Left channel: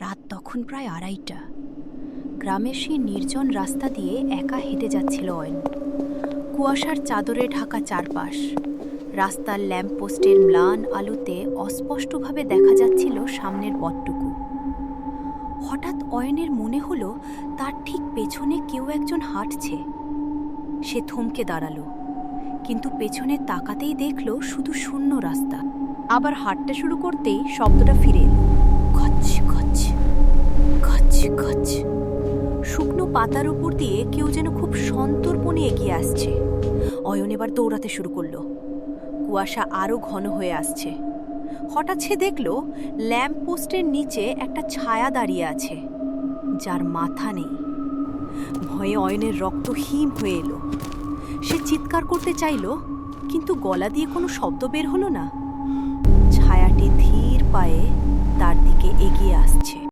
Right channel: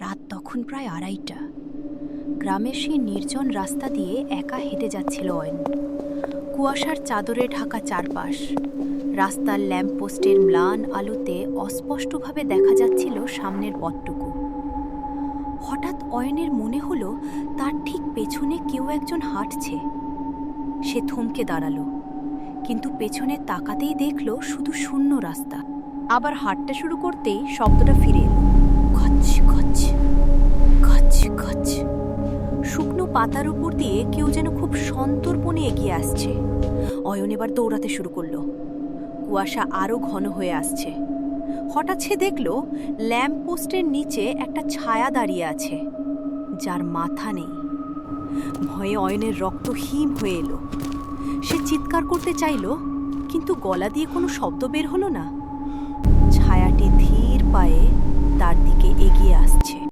রাত তখন প্রায় 2:30। গ্রামের সেই নির্জন রাস্তা দিয়ে একা হেঁটে যাচ্ছিল অয়ন। কুয়াশার চাদরে ঢাকা চারপাশ, রাস্তার ল্যাম্পপোস্টের ম্লান আলোতে অস্পষ্টভাবে দেখা যাচ্ছিল সামনের পথটুকু। হঠাৎ অয়নের মনে হলো তার ঠিক পেছনে কেউ একজন হাঁটছে। সে থমকে দাঁড়ালো, কিন্তু পেছনে তাকাতেই দেখল শুধু শূন্য রাস্তা। আবার হাঁটতে শুরু করতেই শব্দটা ফিরে এলো, খচ খচ খচ খচ। শুকনো পাতার উপর দিয়ে কেউ যেন খুব সন্তর্পণে এগিয়ে আসছে। অয়ন এবার দৌড়াতে শুরু করলো। কুয়াশা আরো ঘন হয়ে আসছে। হঠাৎ সে দেখল ল্যাম্পপোস্টের নিচে একটা ছায়া দাঁড়িয়ে আছে, যার মাথা নেই। ভয়ে অয়নের রক্ত হিম হয়ে এলো। সে চিৎকার করতে চাইল, কিন্তু গলা দিয়ে কোনো শব্দ বের হলো না। ছায়াটি ধীর পায়ে তার দিকে এগিয়ে আসছে।